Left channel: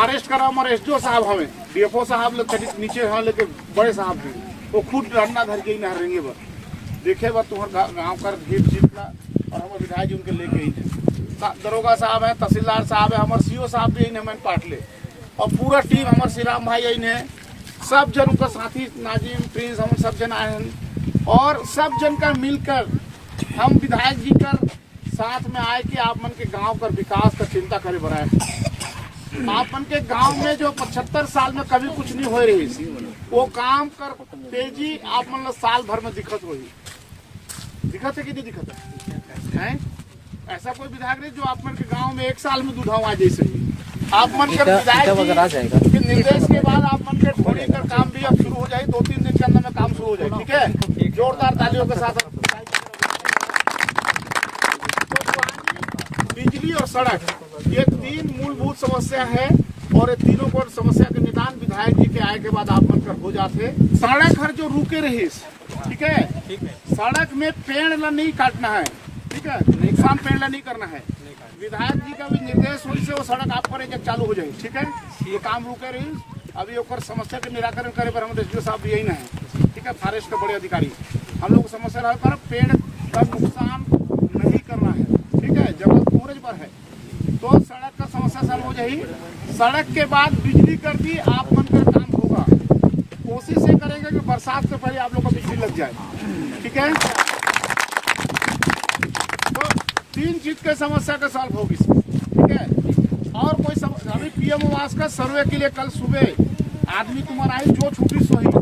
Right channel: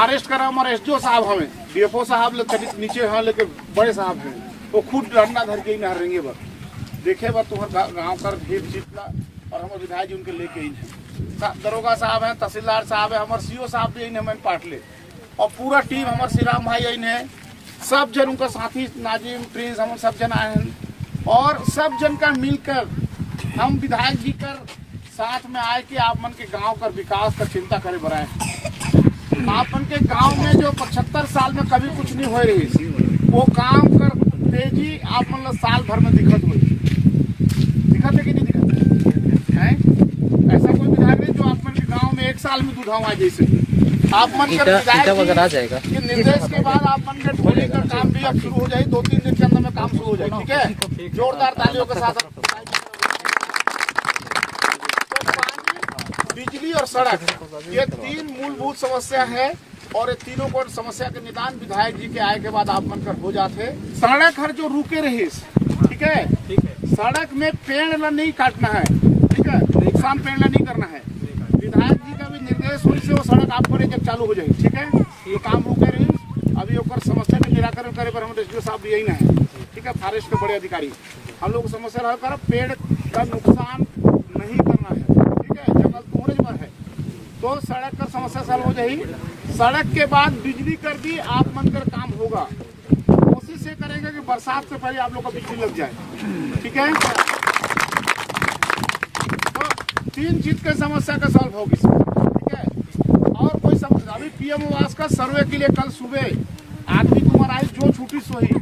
Arrest करा हमारे SDO साहब हमें डीएफओ साहब लोग नीचे हाँ लेके बड़े साहब हैं तो खुद अंडा धर के ही नहर रहेंगे बस देखे बस तुम्हारे गाँव कर भीड़ सीटला और हमारे विधायक जी उनके लेके ही दरोगा साहब है, तहसीलदार साहब है, हमारे सीओ साहब भी मैंने पाटले और पूरा टीम हमारे श्री राम भाई ने सब जन उनका साथी नाजिम प्रिंस हम सब जन आए हैं और सब जन का मिलकर हम विधायक जी का साथ में आए कि आप मन के गांव का विकास का चिंता करे बढ़ाए। आप मन के गांव में जो 75 साल में कभी कुछ नहीं हो रही वो काम कर तेजी आप मतलब साल भर में दिक्कत हुई दिक्कत है कि नहीं दिक्कत है? ऐसा कोई विधायक नहीं जो आप मन के गांव में 1 साल में दुधावा जैसे आप मन कर विधायक के निर्देश के बाद आप मन के ढोने का काम भी अब शुरू हो जाए 2-3 दिन के अंदर में काम शुरू हो जाए। ठीक है, जोरदार तालियों के साथ। बिजली और सड़क ये 3 मूलभूत समस्या है और ये तीनों को समस्या के निदान विधायक जी के आए के बाद आप मन कर हो जाते। सड़क हर जो रुके रही ठीक है, सड़क में पेड़ नहीं काटना है, ठीक है, नुकसान पेड़ नहीं करना है। विधायक जी का भी निर्देश हुई से वो सड़क आप पर जब चालू हो जाए। ठीक है, ये काम रुके रही अभी ओकर समस्या के निराकरण करे पर हम एसडीओ साहब भी यही ना है। ठीक है, फॉरेस्ट के बड़े अधिकारी हम लोग समस्या हल कर पेड़ का नुकसान नहीं करना है। ठीक है, जब सूरज पर है तो सड़क का समस्या हल हो जाए। सड़क के बाद बिजली कर दी आप मन कर काम होगा। कोशिश ये करेंगे कि बरसात से पहले आप लोग का बिजली लग जाए। ठीक है, तो 3 चीज के समस्या का सॉल्व होगी। ठीक है, और कोई समस्या अभी पीएम आवास का सर्वे के लिए कल सुबह आदमी तुम्हारा आई जो छुट्टी सोई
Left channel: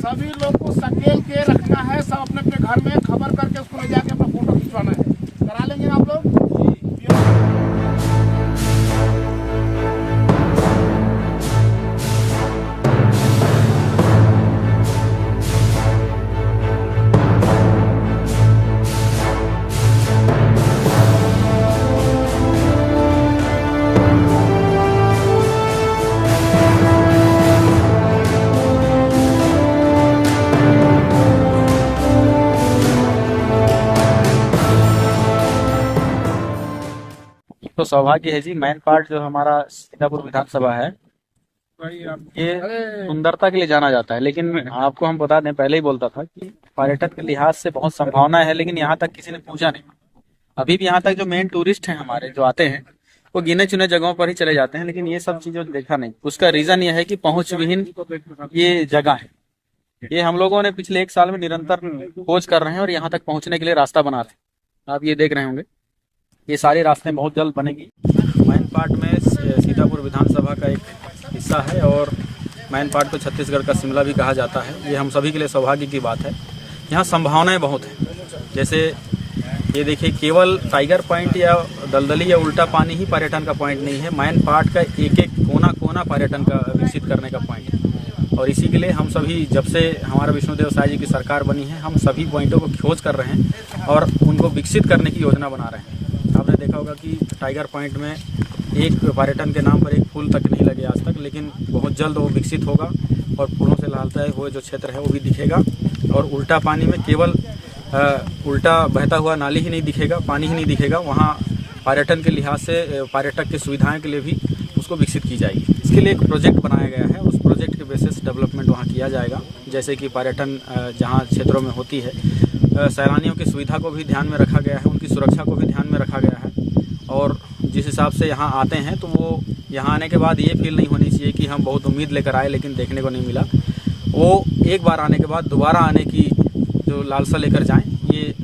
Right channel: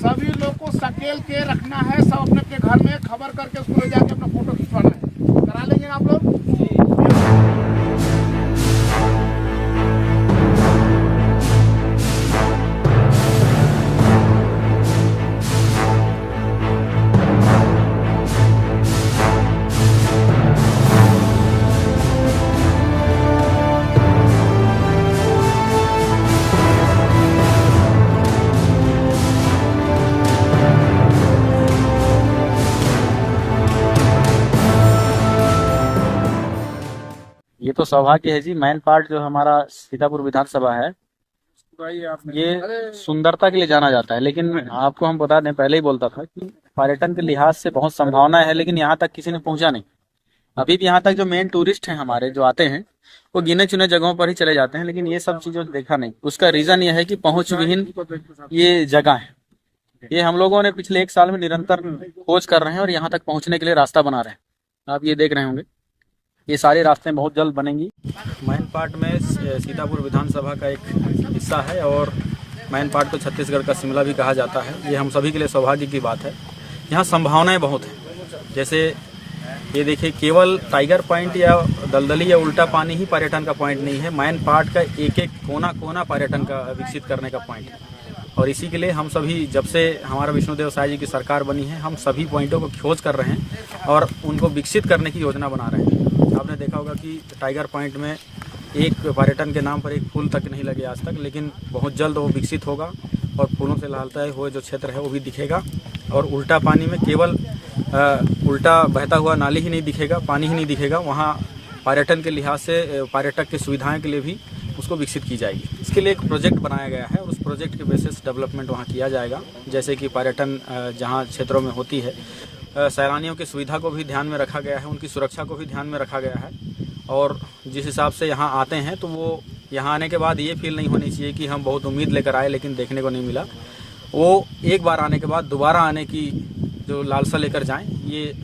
सभी लोग को सकेल के रखना है। सब अपने अपने घर में खबर करके उसको ले जाके अपना फोटो खिंचवाना है। करा लेंगे आप लोग। ये तो सौभाग्य है जी। मेन पार्ट जो हमारा सीतापुर विधानसभा है ये सुंदरता के लिए जाना जाता है, लेकिन आपको हम बता दें, पहले ही बोलता था कि पर्यटन के लिहाज से बहुत संभावना है, लेकिन यहाँ तक किसी ने पहुंचा नहीं। अभी भी यहाँ तक जो मेन टूरिस्ट हैं हमारे जो आते हैं वो गिने चुने जगहों पर ही चले जाते हैं, लेकिन ये सब चीजों देखा नहीं। उसका रीजन ये है कि पहुंच विहीन ये जगह है। ये हम लोगों ने पिछले 1 साल में निरंतर खोज कर रहे हैं और यहाँ तक पहुंचने के लिए रास्ता बना रहे हैं। आप ये देख रहे होंगे ये सारे रास्ते बहुत जल्द बनेंगी। मैन पार्ट में सीतापुर विधानसभा का एक हिस्सा है और मैन पार्ट को छत्तीसगढ़ का शिमला भी कहा जाता है। ये हम सभी के लिए सौभाग्य की बात है। यहाँ संभावनाएं बहुत हैं। जैसे ये देखिए, केवल टाइगर पॉइंट या दलदली या उल्टा पानी ही पर्यटन का पॉइंट नहीं है। मैन पार्ट का एक एक कोना कोना पर्यटन का विकसित करने का पॉइंट है और इसी के लिए हम सभी, जब से हमारा विष्णुदेव साय जी की सरकार बनी है, हम सभी पॉइंटों को खोज कर रहे हैं और उनको विकसित करने की योजना बना रहे हैं। आपने देखा होगा कि टाइगर पॉइंट में एक पर्यटन के नाम पर एक फूल तक नहीं लगे आज तक, लेकिन बहुत जल्द वो विकसित होगा और फूलों से लहलता हुए जो क्षेत्र है वो भी दिखेगा। और उल्टा पानी में केवल उल्टा बहता हुआ नाली ही नहीं दिखेगा, पानी ही नहीं दिखेगा, वहाँ पर्यटन के लिहाज से पर्यटक की सुविधाएं के लिए भी उसको विकसित की जाएगी। इसके लिए एक प्रोजेक्ट बनाया गया है। उस प्रोजेक्ट के बेसिस डेवलपमेंट वहाँ किया जाएगा। जैसे कि पर्यटन जहाँ क्षेत्रों में होती है, सैलानियों की सुविधा को भी ध्यान में रखा गया है, उनकी सुरक्षा को भी ध्यान में रखा गया है। और जिस हिसाब से यहाँ आते हैं तो वो यहाँ आने के बाद ये फील नहीं होनी चाहिए कि हम बहुत उम्मीद लेकर आए लेकिन देखने को नहीं मिला। वो एक बार आने के बाद दोबारा आने की जो लालसा लेकर जाएं, ये